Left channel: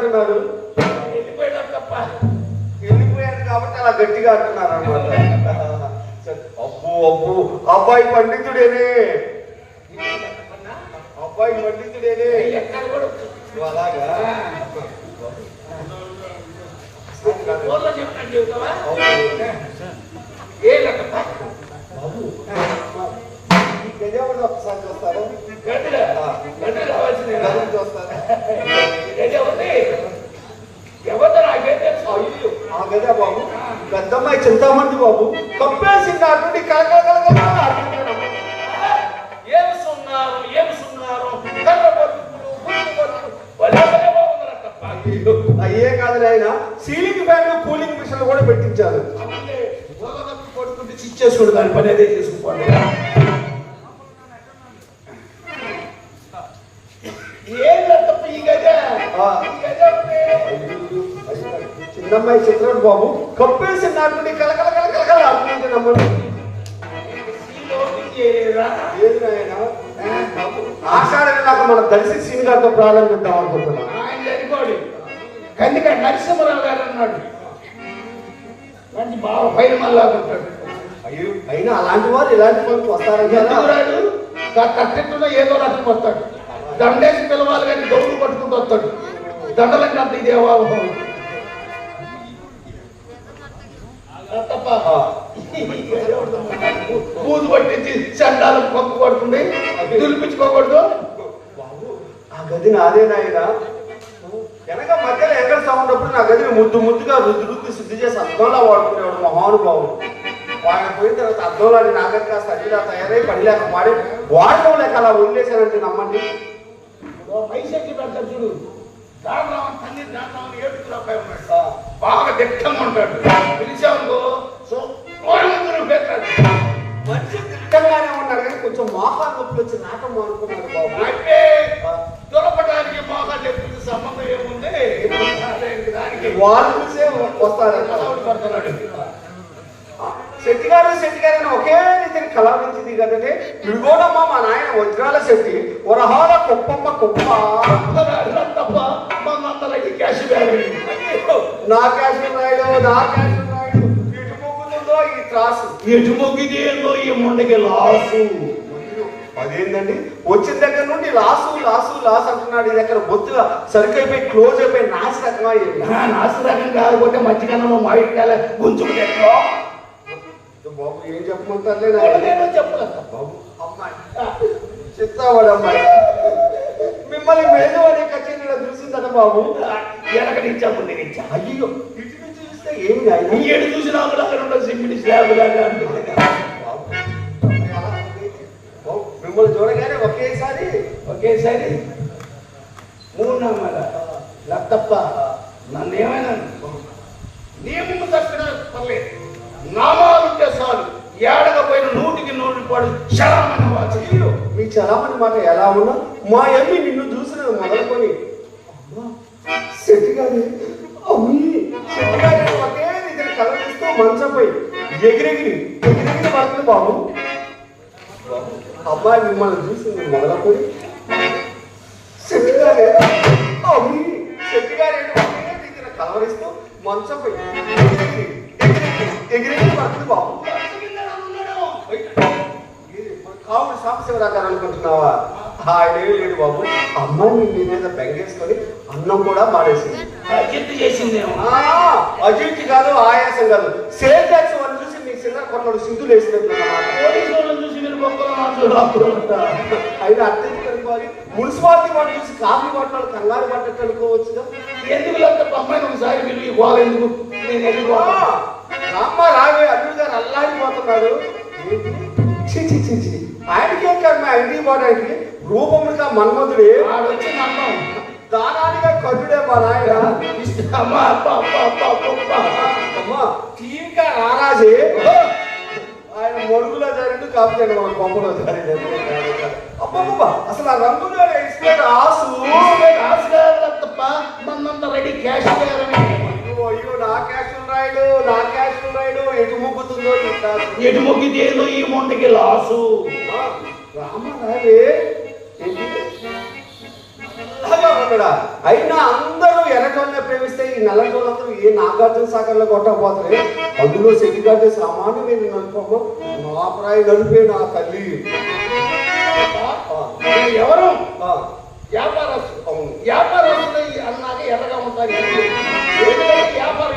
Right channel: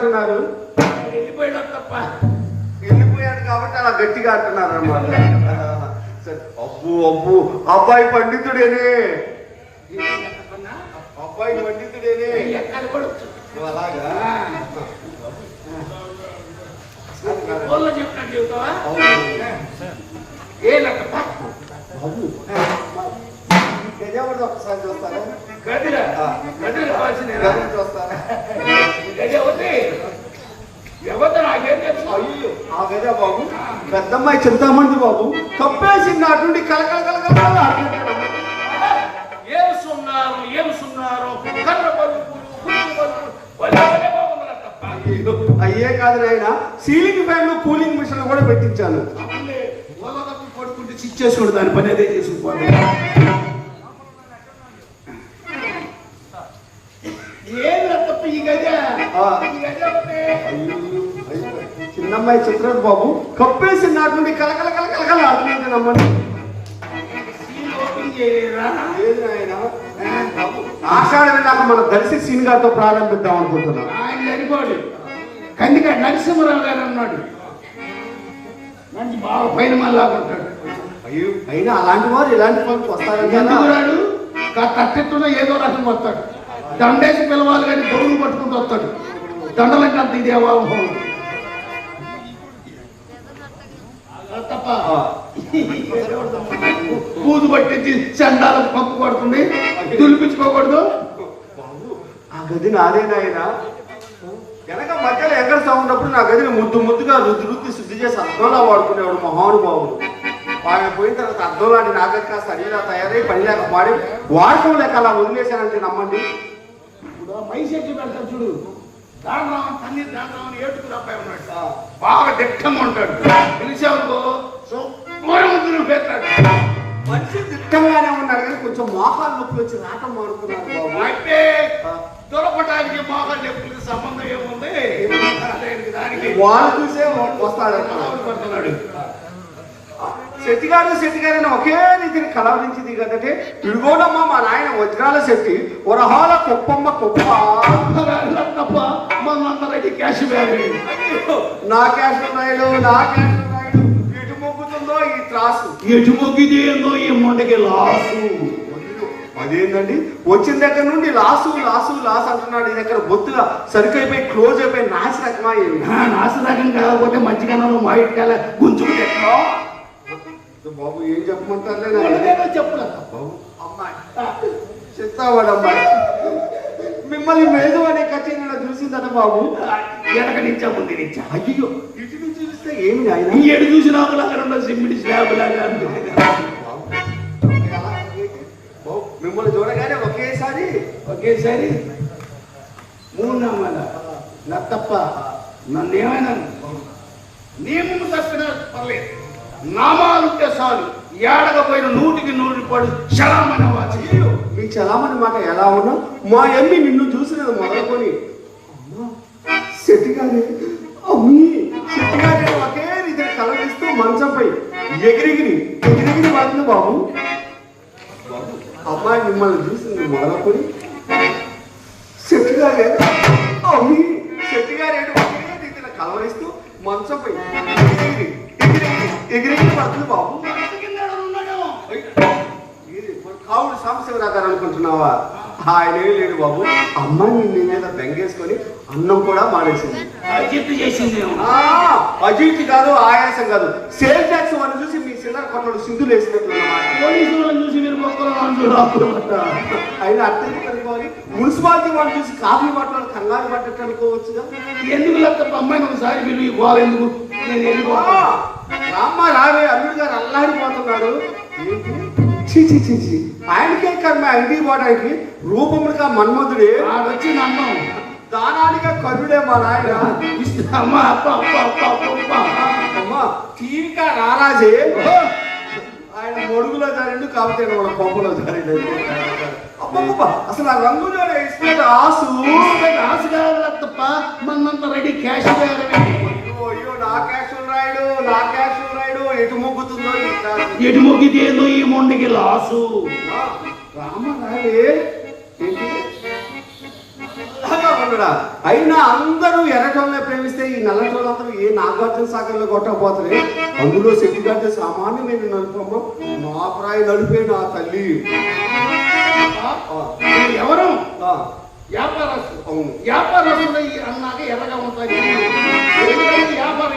అంటున్నారు వెళ్ళిపోయాడు తప్ప వెళ్ళిపోయాడు కాబట్టి అలా గట్టిగా అంటున్నారు అనమాట అబ్బు అబ్బు అబ్బాయి పండితుడేనే. అబ్బాయి పండితుడేనే. అలాగా? చెబుతావా? ఏ లెక్క? ఒకసారి చూస్తారా? గదిలో గదిలో కావాల్సింది గజం చూస్తారా గది ఒకటి. ఎవరు నాకేం తెలుసు? అయ్యో. ఆ గజ బాబు. పెద్దమ్మాయి చింతామంది బాబు. కప్పేసి నాటి నుండి కలకల సున్నారు కర్ర పలుకులు పలుకులు అయ్యో, కాదు ఆయన. సీలింగ్ ఫ్యాన్ కూలింగ్ మిషన్ కూడా పెట్టించాను. పడుకుంటే స్విచ్ చేసుకోండి దాని పని అదే చేసుకుపోవాలి చిన్నమ్మాయి చిత్రుడు బాబు. కప్పేసి నాటి నుండి కలకల కలకల నమ్మండి చేయలేరా లేదు ఆయన ఆషాఢ వెళ్ళాక మన దర్శి సీన్ గారితో ప్రారంభిద్దాం అనుకుంటున్నాం. ఆయన చనిపోడు కన్నిక నరసింహరావు గారు అన్నాడు మంచి బాగా పైన మళ్ళా ఉంటాడు. అయ్యో అయినా అలాంటి వారు ఇలాంటి పనులకు వస్తారని ఎందుకు రాడు? కట్టెట్టున ఏదో రకం వస్తాడు. దండేసి పిలవాలి కానీ దౌడు పట్టుకుంటూ వస్తాడు. దండలంటే అంత ఇదే పూజ పట్టించి చండాలు కప్పు కొడుతుంది. దులిపించుకోకూడదు. ఆ గది నాదే నాయన. వెనక మధ్యలో ఎక్కడ ఉన్నప్పుడు నా గదిని ముద్దు ముద్దుగా రుద్దు రుద్దు శుద్ధి చేసి అర్థంలా వాడుకునేవాడు మహానుభావుడు. ఆయన పోయిన తర్వాత అర్థంలాంటి నాగర్ కాస్త అడిగిలా తయారై పని లేక వాడి వాడటం లేక అలా వదిలేశారంటే నమ్మండి. మైసెక్కి పెడతా చూడు. దానరామన్ తన్ని ఏడుగురు అబ్బాయి ఉన్నాడు. బాగా దిట్టంగా ఉంటాడు. పిలిచావు మంచి దిట్టంగానే ఉన్నాడు కానీ కొంచెం మోహాలు నొప్పులు వచ్చి నాటం అనుకున్నాడు అంటే దొరకడానికి బాగా చెప్పులకి సంబంధం ఏముంది? దానికి వాళ్ళు చూసే వస్తాడు పడుతున్నాడు. శెట్టిగాడు శెట్టిగారు ఒకే రీతిని కలవరించి దిగదంటే ఇడుగోడమ్మ మా నాయన వజ్రాల శెట్టి వరహాల కుప్పమ్మ కుప్ప మన అందరైతే క్యాష్ బ్యాగ్ నా క్యాష్ నాయుడు నా క్యాష్ ఈ త్రాసు. ఎటు మొగ్గిది ఏందో ఈ ముండకి లాసు. అదేంటండి వచ్చిన దగ్గర నుండి లాసు లాసు లాస్ అంటున్నాడు. ఎక్కడ బొత్తుగా సరికైపోయి క్లోజ్ అయిపోయి రకమా ఏమి? నాశరకం కాకపోతే మధ్యకాలంలో మాయికాల గుంజుకు ఎక్కడో బాబు ఏం చెప్పమంటారు చెప్పలేదు బాబు అమ్మాయి అమ్మాయి మిమ్మల్ని మేలు అనే కచేరీలో చూసిందట బాబు. వెనక నుంచా ముందు నుంచా అయ్యో ఇటు ఏడు చూసి నాకు లాగా రెండు సిమెంట్ స్లాబ్ లాగా అనిపించింది. బాబు, మిమ్మల్ని చూడగానే ఒకేసారి ఒకేసారి మూడు నామాల లత్తప్ప నన్ను ఏమైనా నియమము తప్పిన పర్లేదు. నామాలుంటే చాలు. ఏడకపోయిన నూటికి నూరు రూపాయలు శరామని వాచి. మీ చలామణి మాట ఎలా ఉన్నా? మా అమ్మి నిన్ను చూసినది మొదలుకొని అమ్మా, శెట్టిగారి మంచంపై ఎగిరెగిరి ఎగిరెగిరి పడుతుంది బాబు. అబ్బాయి మిమ్మల్ని చూసింది మొదలుకొని శెట్టిగారే అమ్మి శెట్టిగారి ఒకే రీతిని కలవరిస్తూ మంచంపై ఎగిరెగిరి ఎగిరెగిరి ఎగిరెగిరి పడుతుంది బాబు. కావుడు సాంబశివరాజు అనుకుంటున్నావా? ఆయన ఏం లేడు బాబు. అమ్మాయి నిన్ను మీద బెంగేసుకొని అన్నం కూడా మాడేసింది జిద్దు చేసిందేమో. ఆ, అజీర్తి కాదు ఆయాసం కాదు. సేల్ ట్యాక్స్ అని చూసి మీ చిల్లర కొమ్మలు సింధులు వేసినట్టు. అయినా అత్యంత అనుకోవాలి మున్సిపాలిటీ వాళ్ళు చూసి కాఫీ వాటర్ కంగారు పట్టట్టు అనుకోవచ్చుగా ఎందుకు లేకపోతే అమ్మాయిని ఒకసారి మీరు ఈ గోల ఎందుకు? నేను ఎందుకు రామ్మ రావే అల్లుడు గారు అల్లాడిపోతున్నాడు. ఛీ, ఛీ. ఆయనకే కర్మ ఇంటికి పోవడానికి రూపములుగా మన్మధుడే. ఆడొచ్చి నన్ను దానానిగా కరుడే మా నాయన అమ్మ అప్ప అప్ప అప్ప అప్ప అప్ప. అమ్మా టీకా రారాజే. ఆయన మొడుగులో జారిండు కాకపోతే కొంపలో జారిండు. అబ్బబ్బబ్బ, అసలు ఆ రంగులో ఇస్తున్న ఆసు. తప్ప మనంత రెడీ క్యాష్ అయ్యో, నా క్యాషులు రాయుడు నా క్యాషులు రాయుడు. ఎటు మొగ్గుతుందో. ఎటు మొగ్గితేందో ఈ మొండికి లాసు. అయినా అందరూ ఎర్రటోళ్ళని ప్రేమిస్తే ఈ నల్లటోళ్ళందరూ ఏ నాగార్జున సాగర్లో కొట్టకపోతారే? అందులో సెట్టిగడ్డ సామాన్యమైన నలుపము నా ప్రాయ నలిపే నా తల్లి. ఎవరు? వ్యాపారస్తులు అవును. వ్యాపారస్తులు అన్నాక ఎర్రగా ఉంటాయి. ఎందుకంటే వ్యాపారం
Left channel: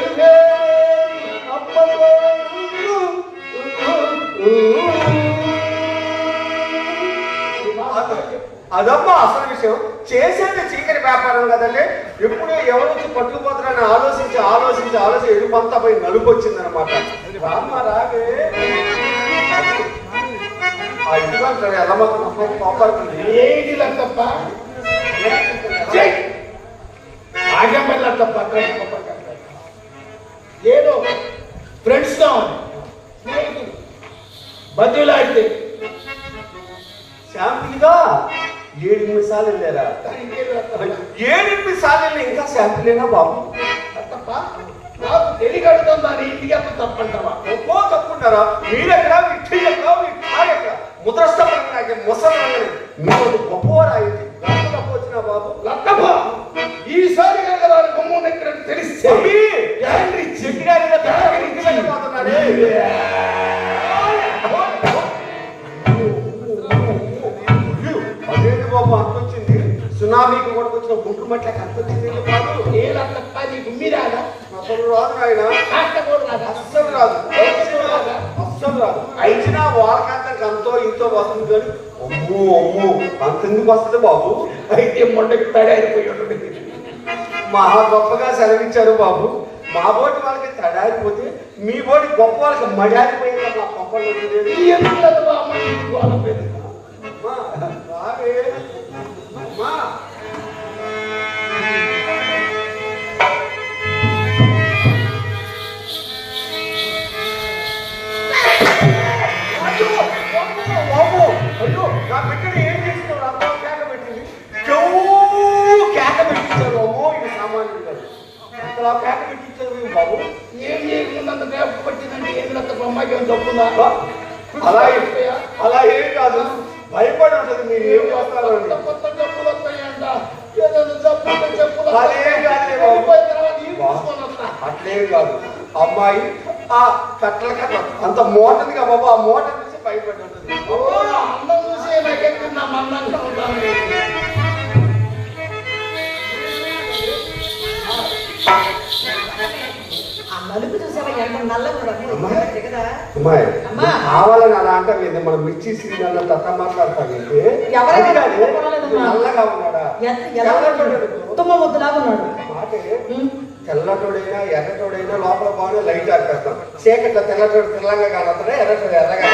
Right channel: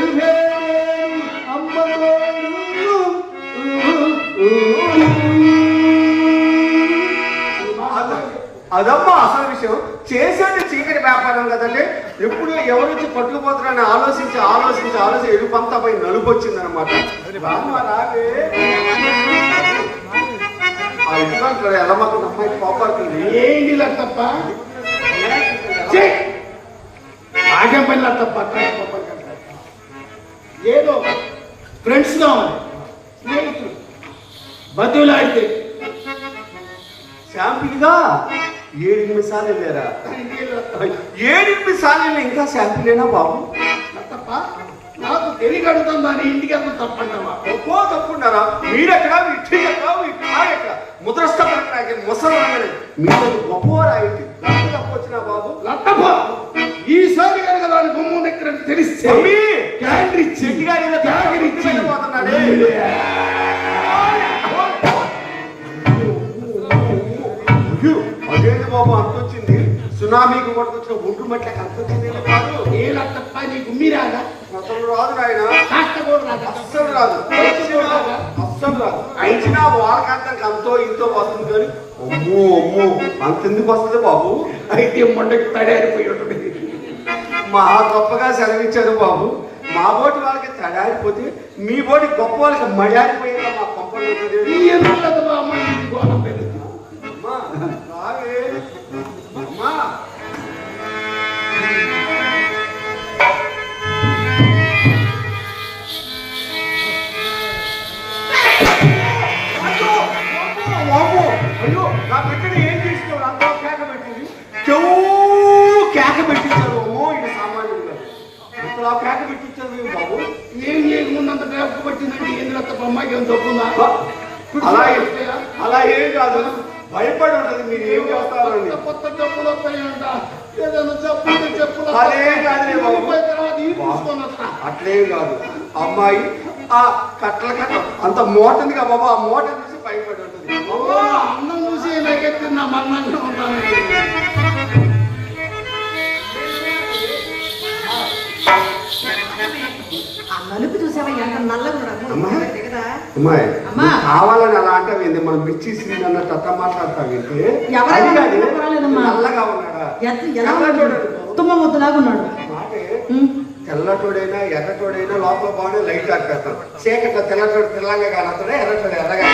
అదమ్మా అసలు విషయం. చేసేది చీకటి వ్యాపారం కదండి ఎప్పుడు ఎవరు వచ్చి పట్టుకుపోతారని ఆలోచించి ఆలోచించి ఆలోచించి ఎరుపంతా పోయి నలుపు వచ్చిందనమాట రామ ఆ ఇంట్లో అంటారు కోపాడుతుంది ఏంటి పని లేదు. ఫ్రెండ్స్ కావాలి బతులాడితే షాంపీగా ఏడెనిమిది సార్లు వెళ్ళారా? ఏడెనిమిది సార్లు వెళ్ళి ఇంకా షాంపీలేనా బాబు? లత్తప్ప నాకు తెలియగడుతుంది దాని ఇంటికి అంత తప్పంటావా ఒక్కో తప్పుంటారా మీరెక్కడ? ఎక్కడ మీ కాలు ఎక్కడ ముసలి మీరు గొప్పవారు తప్పు వచ్చినా బాబు? లత్తప్ప ఈసారి కనుక దాని బొమ్మ దగ్గర తెలిస్తే చిట్టిగాడి సునామీకి కూడా వచ్చిన గుంటు మట్లకి అంతొచ్చింది ఏంటి కాదు ఏ లత్తప్ప నీకు మీరాదా అసలు రాదు నాయన. రాదా? అస్సలు రాదు. అస్సలు రాదు. అయినా ఇంతో వస్తుంది కానీ అమ్మో అమ్మో అంత ఎందుకు వస్తుంది బాబు? అయితే మొండకి తడారిపోయి ఉంటుంది. మా గొప్పగా సెలవిచ్చారు బాబు. మా బోటి వాళ్ళకి తడారిపోతే మీ బోటి గొప్ప వాళ్ళకి మడారిపోయింది మా అమ్మ పట్టిందంటే తప్పుందా అలా ఏ- అలా ఏం కాదు. భయపడి ఉంటుంది మీరు ఏం చేస్తారో. కొత్త జబ్బులు వస్తాయంట. ఏదైనా అదేం వస్తా. అట్లేం కాదు. అమ్మాయి ఆ కట్ల కట్ల అంత మోటది కదా బాబు ఆ మోట చూసి భయపడి ఉంటుంది. అన్నం చూసి నాకెత్తి నా మన్నంగా ఉన్నాను కావాలని అలా అంటావేంది మనం మిర్చి సీన్ అన్నట్టు కాదు, పర్వాలేదమ్మా. నల్లగా ఉన్నాడా. ఉత్తమ ముద్దలాగా ఉన్నాడు. తెల్లటోడైనా ఎర్రటోడైనా లోపల బాగానే లైట్ ఆడతాం చీకట్లో తెల్లటోడు తెల్లంగా కానొస్తాడా ఎర్రటోడు ఎర్రగా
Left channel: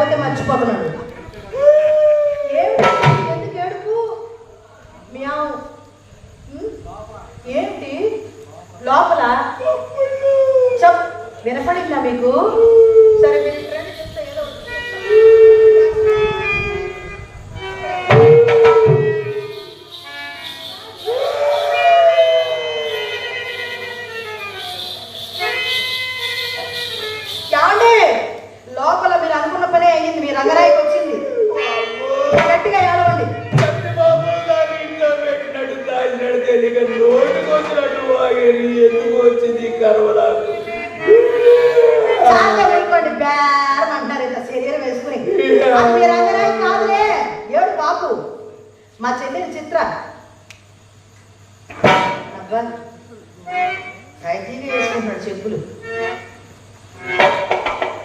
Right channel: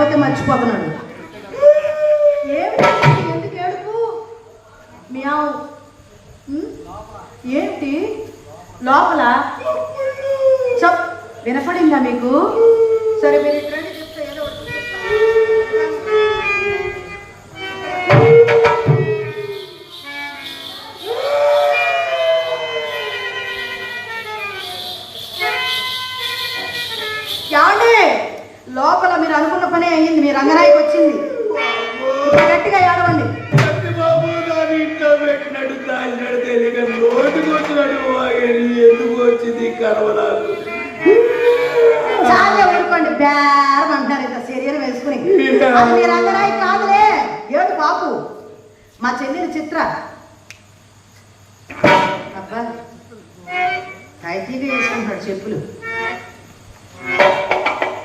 లేకపోతే మర్చిపోతున్నాడు. తాగినాడు తెలియక నోటికి వచ్చినట్టు పోయేది ఎందుకు వచ్చింది కరవలాకు చాలా ఊరుకోండి బేరం అంటారు ఇట్లా సీరియల్ వేసుకుని. అది కాదులే. ఏడు బాబు మా చెల్లెలు చిత్ర. అబ్బా హైజీగా వేసుకుంటాడు చెప్పులు.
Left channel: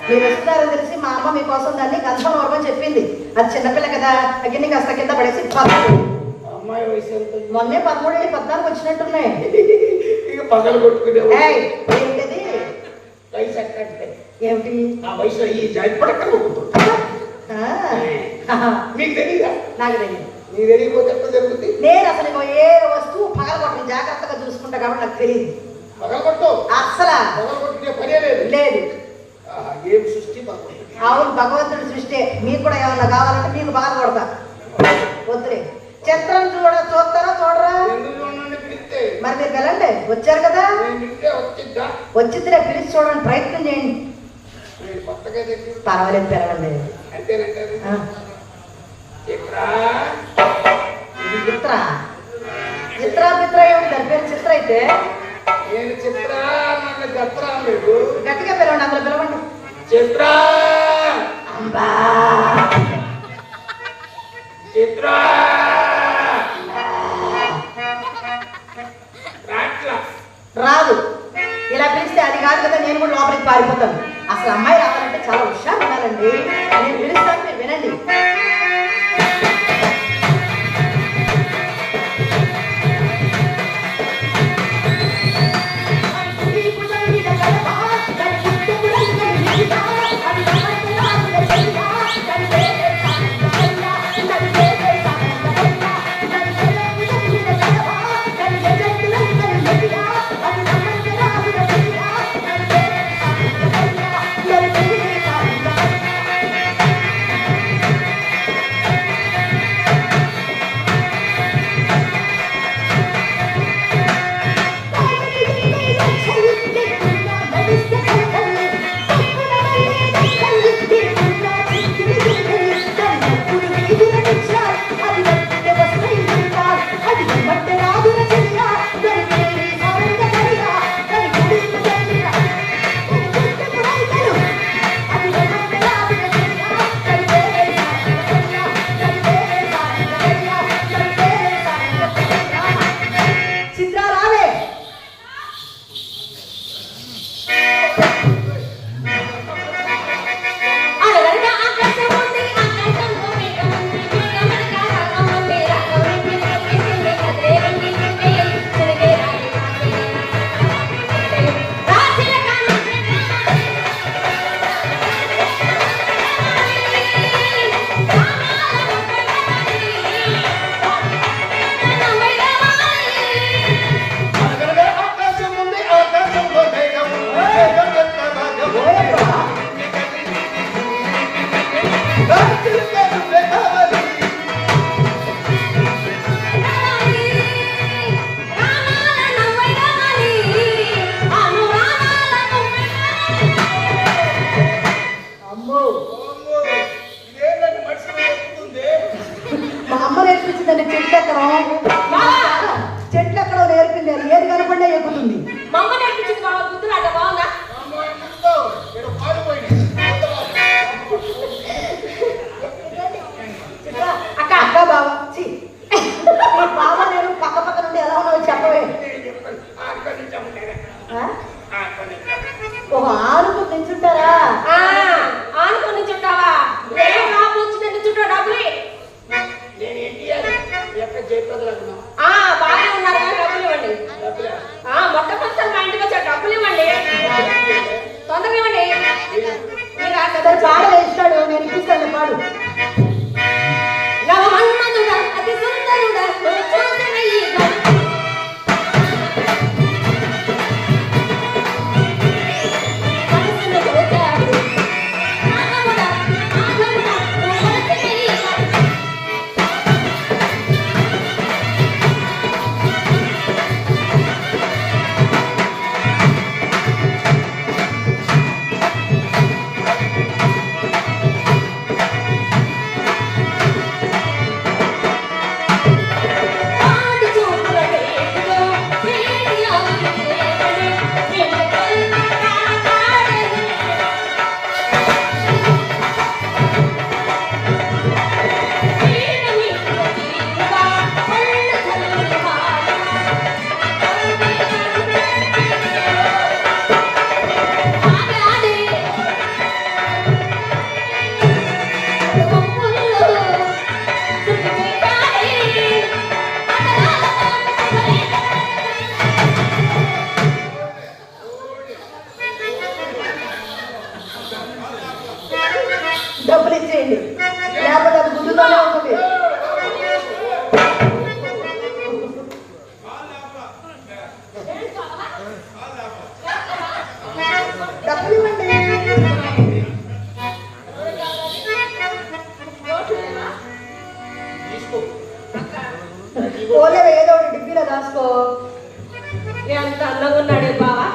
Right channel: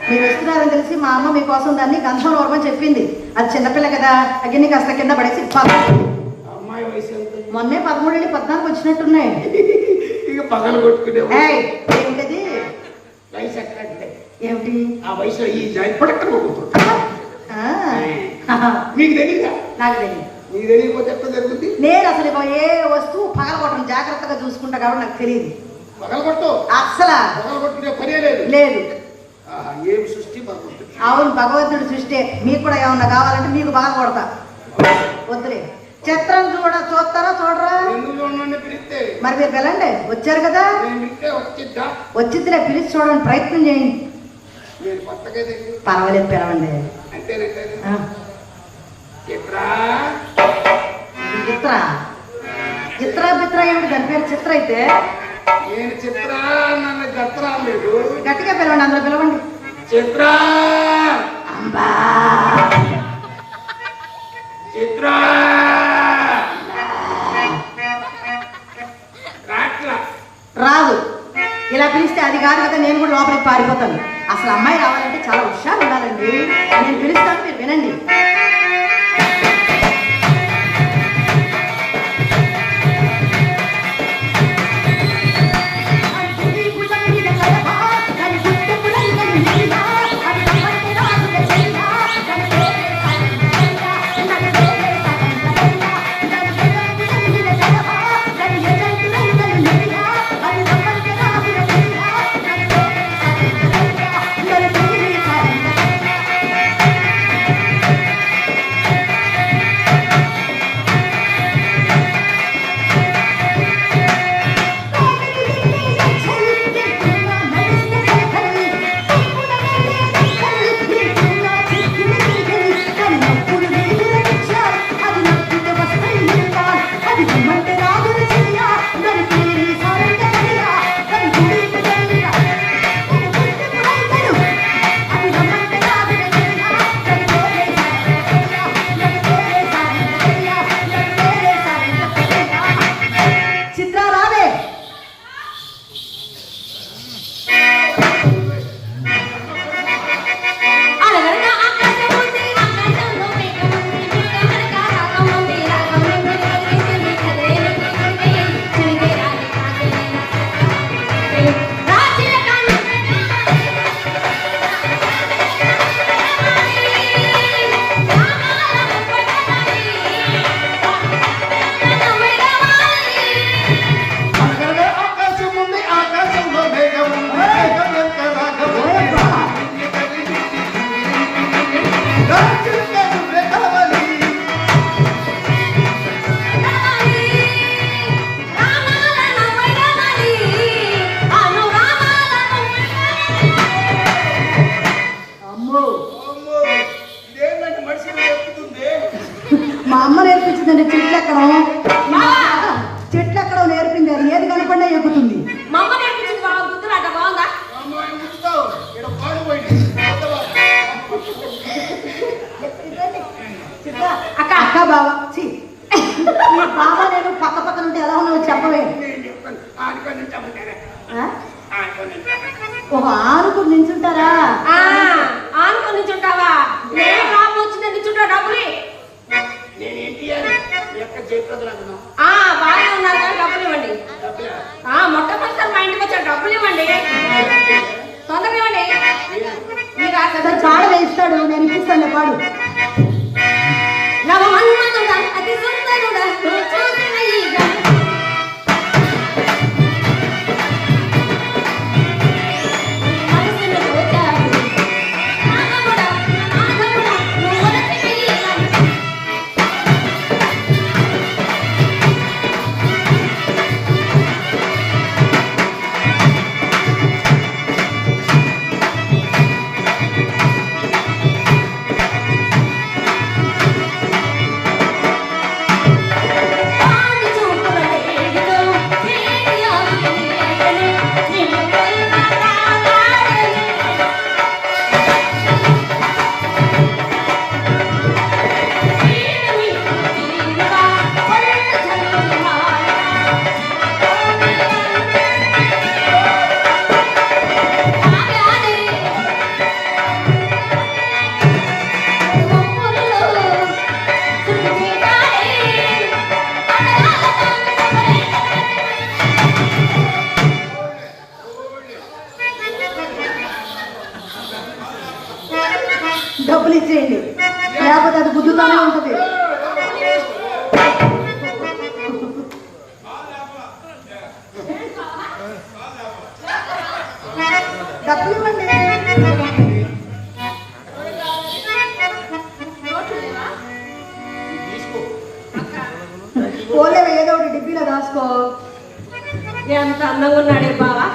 మీరు వస్తున్నారని తెలిసి మా అమ్మ మీకోసం దాన్ని కంచం వరమని చెప్పింది. అది చిన్నపిల్ల కదా అగ్ని కాస్త కింద పడేసి మొన్నే పదమూడు పద్నాలుగు వచ్చినట్టున్నాయి. ఇక పగలు కొట్టుకునే ఏంటది? వయసు ఎక్కడ అంటే. ఏమిటి? ఆ వయసులో ఈ జాయి పడక కొడుకుతుంది ఆ, మీకు తెలియదా నాకు తెలియదు నీకు తెలియకపోతే ఎక్కడ జరుగుతుంది నేను అసలు ఏ వస్తువు పగలగొట్టడం జాగ్రత్తగా చూసుకుంటా కాబట్టి నాకు తెలియదు పగలు కొట్టవు. అస్సలు. పగలు కొట్టుకునే పనే లేదు. లేదు. ఏం సృష్టి బాగుంటుంది అవును భగవంతుడు సృష్టి. మీకు కూడా ఏమన్నా కావాలంటే మీకు బాగా కొడతా వద్దులే. చిత్రం చూడ చూస్తారా చూడరా? మరి మీరు వెళ్ళండి వచ్చారు కదా? వచ్చిద్దిలే పిలిచి చూడండి ప్రయత్నం చేయండి. పర్వాలేదు పిలవండి. చిత్ర. చిత్ర. బిత్ర ఏమిటి? దాని పేరు చిత్ర అయితే. గట్టిగా పిలవండి అందులో పిలవండి. చిత్ర. అంబా. చిత్ర. రాదు. ఇలా పిలిస్తే అది కాదు కదా నేను కూడా లోపలికి పారిపోతాను. అసలు అమ్మాయి రావాలంటే చాలా హుషారు ఉండాలండి నేను పిలుస్తాను మీరు వినండి. డబ్బులు ఇచ్చేయండి. లేకపోతే అది గుడ్డుతోనే ఉంటుంది. డబ్బులు ఏదో ఒకటి ఉన్నాడే బావా?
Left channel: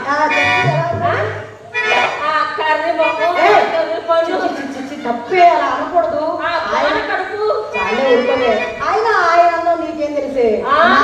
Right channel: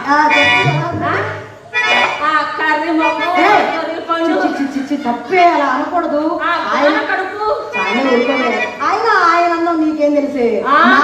తప్పే అలా అనకూడదు. ఆయన ఆయన అన్నం నీకేం తెలిసే? నా